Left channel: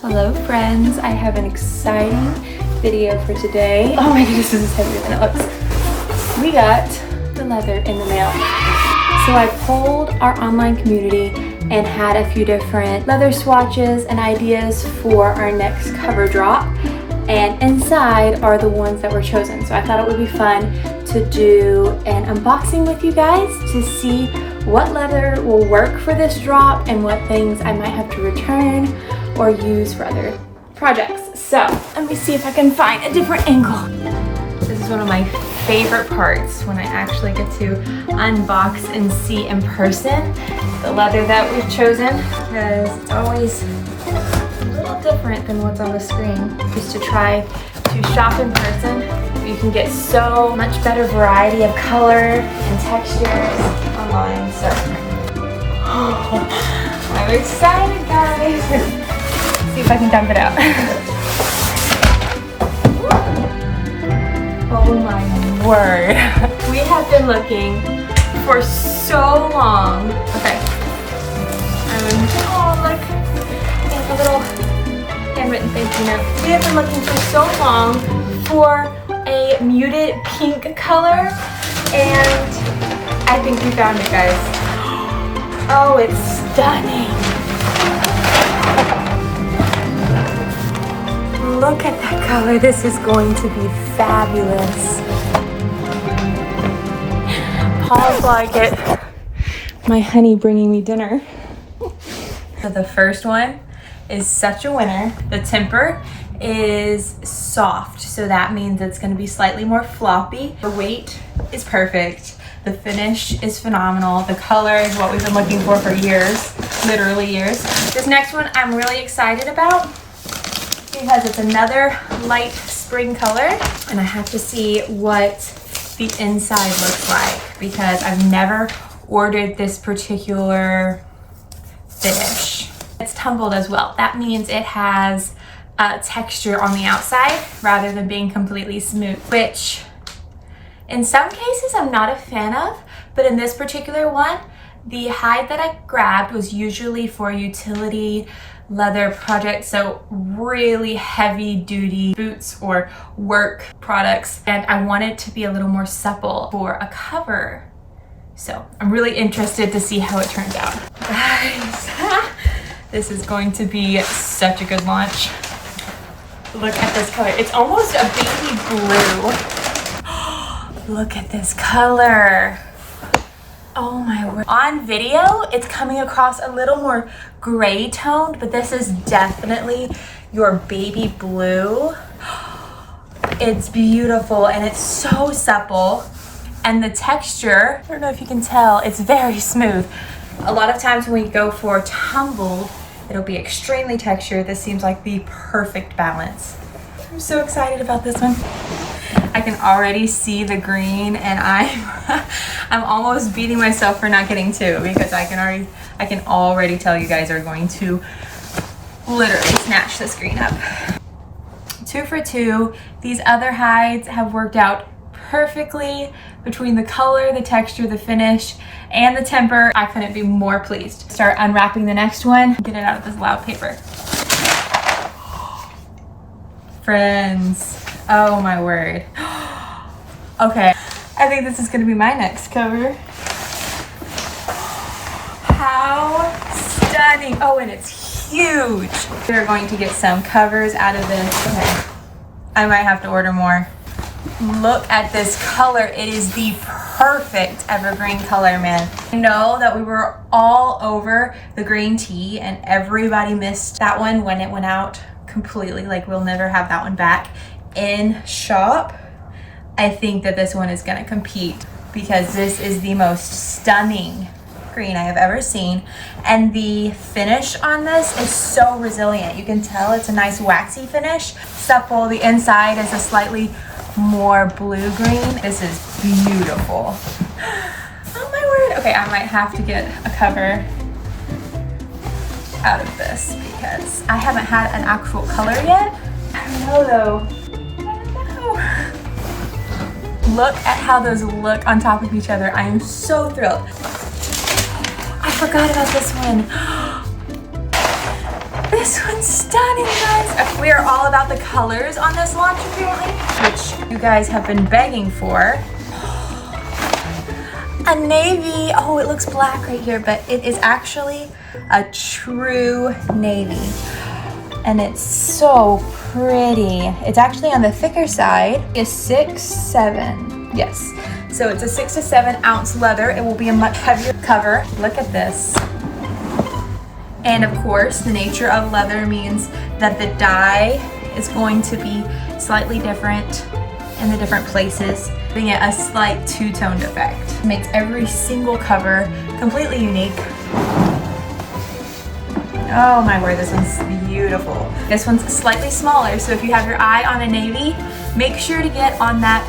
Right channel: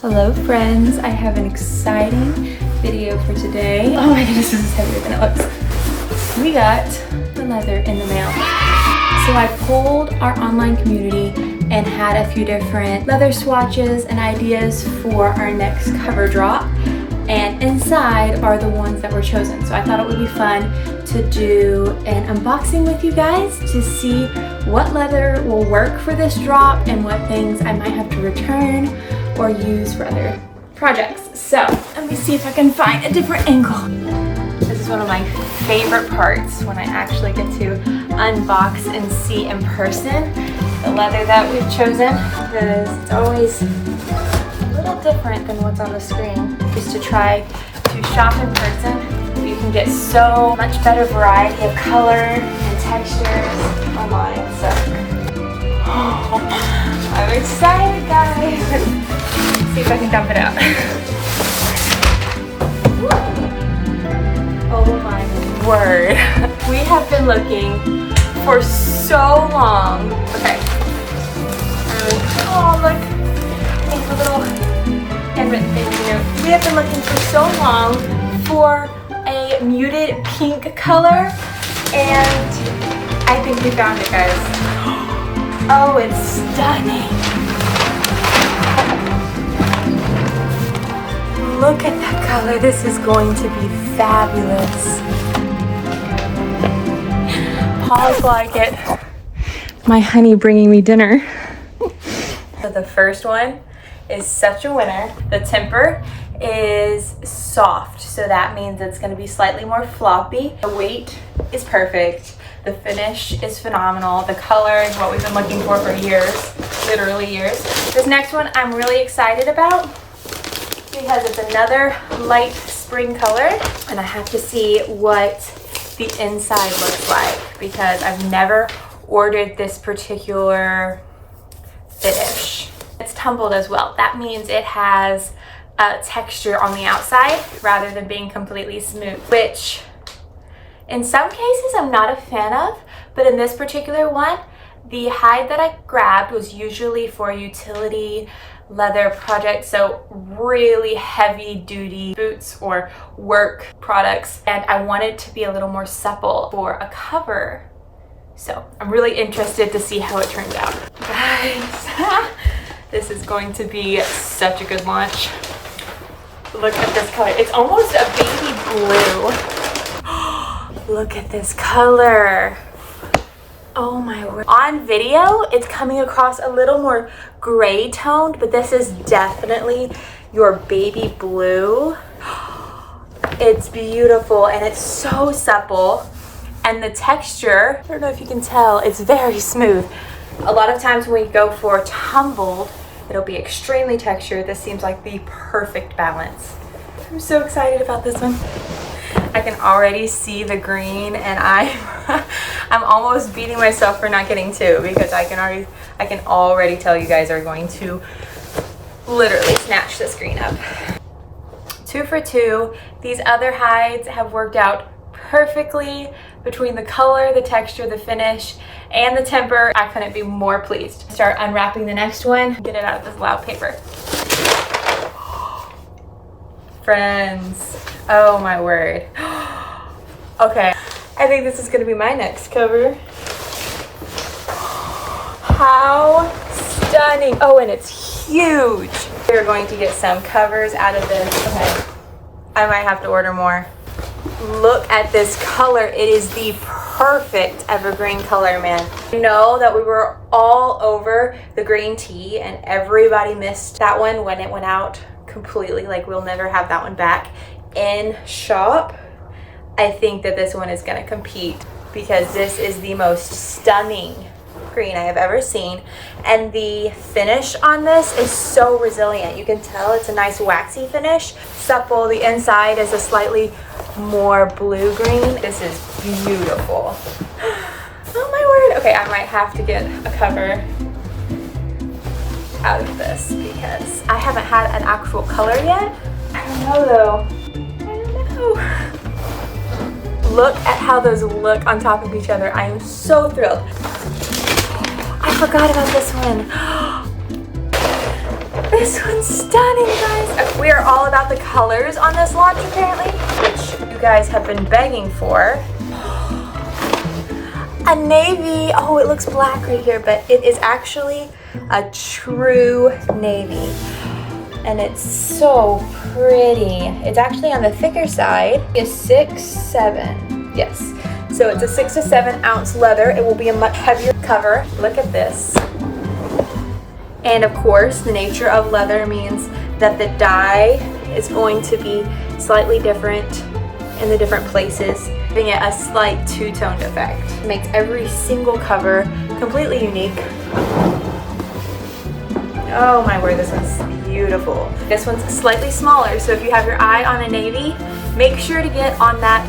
Hello friends, I have an exciting video for today. Oh my goodness, this is heavier than it looks. We got the leather in the mail. So I polled our online community and had a few different leather swatches and ideas for our next cover drop. And inside are the ones that were chosen. So I thought it would be fun to do an unboxing with you guys to see what leather will work for this drop and what things I might have to return or use for other projects. So let me see if I can find a different angle. This is one of my favorite parts when I actually get to unbox and see in person the leather that we've chosen, because it's always a little different than what's on the screen. Just to try to shop in person, you can get so much better variety of color and textures online. So I'm excited, guys. See if I can dump it out. Oh my word. We have been looking for so long. Okay. Oh look, a little handwritten thank you note. We have been looking for so long for a muted pink color, and I think we found it, guys. Oh, it's stunning. Look at that color. This is going to be fabulous. Pause while I get my honey bringing me dinner. So the first one is such a winner. The temper is soft, so that means it's going to be slightly more floppy. The weight is perfect. The finish is phenomenal. The color is what we've been looking for years, literally years. This next one I'm really excited about because it's another light spring color, and I have to see what the inside looks like because I've never ordered this particular finish. It's tumbled as well. That means it has texture on the outside rather than being completely smooth, which in some cases I'm not a fan of, but in this particular one, the hide that I grabbed was usually for utility leather projects, so really heavy duty boots or work products, and I wanted to be a little more supple for a cover. So I'm really interested to see how it turns out. Guys, this is going to be such a good launch. Look at this color. It's almost a baby blue. Look at this color. Oh my word. On video, it's coming across a little more gray toned, but this is definitely your baby blue. It's beautiful and it's so supple. And the texture, I don't know if you can tell, it's very smooth. A lot of times when we go for tumbled, it'll be extremely textured. This seems like the perfect balance. I'm so excited about this one. I can already see the green, and I'm almost beating myself for not getting two because I can already tell you guys are going to literally snatch this green up. 2 for 2. These other hides have worked out perfectly between the color, the texture, the finish, and the temper. I couldn't be more pleased. Start unwrapping the next one. Get it out of this loud paper. Friends, oh my word. Okay, I think this is gonna be my next cover. How stunning. Oh, and it's huge. We're going to get some covers out of this. Okay. I might have to order more. Look at this color. It is the perfect evergreen color, man. I know that we were all over the green tea and everybody missed that one when it went out completely. Like, we'll never have that one back in shop. I think that this one is gonna compete because this is the most stunning green I have ever seen, and the finish on this is so resilient. You can tell it's a nice waxy finish, supple. The inside is a slightly more blue green. This is beautiful. Oh my word. Okay, I might have to get a cover out of this because I haven't had an actual color yet. I don't know though. I don't know. Look at how those look on top of each other. I am so thrilled. I forgot about this one. This one's stunning, guys. We are all about the colors on this launch, apparently, which you guys have been begging for. A navy. Oh, it looks black right here, but it is actually a true navy. And it's so pretty. It's actually on the thicker side. It's 6'7". Yes. So it's a 6 to 7 ounce leather. It will be a much heavier cover. Look at this. And of course, the nature of leather means that the dye is going to be slightly different in the different places, giving it a slight two-toned effect. It makes every single cover completely unique. Oh my word, this one's beautiful. This one's slightly smaller, so if you have your eye on a navy, make sure to get on that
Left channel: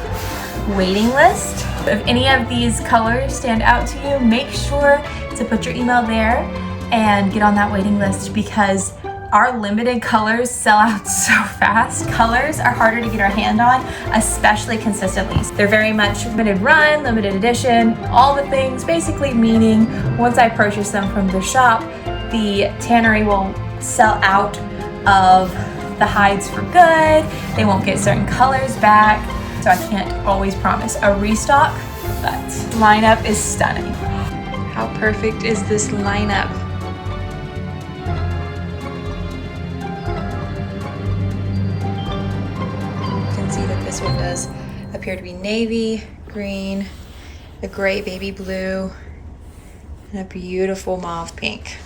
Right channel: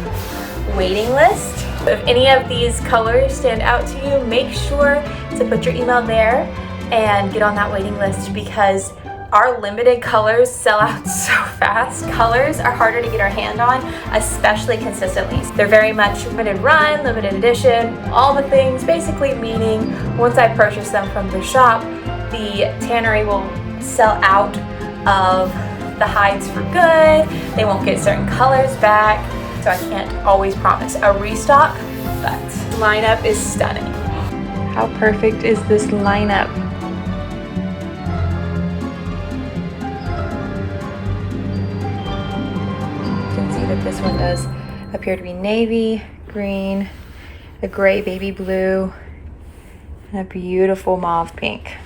waiting list. If any of these colors stand out to you, make sure to put your email there and get on that waiting list, because our limited colors sell out so fast. Colors are harder to get our hand on, especially consistently. They're very much limited run, limited edition, all the things, basically meaning once I purchase them from the shop, the tannery will sell out of the hides for good. They won't get certain colors back, so I can't always promise a restock, but lineup is stunning. How perfect is this lineup? See that this one does appear to be navy, green, a gray baby blue, and a beautiful mauve pink.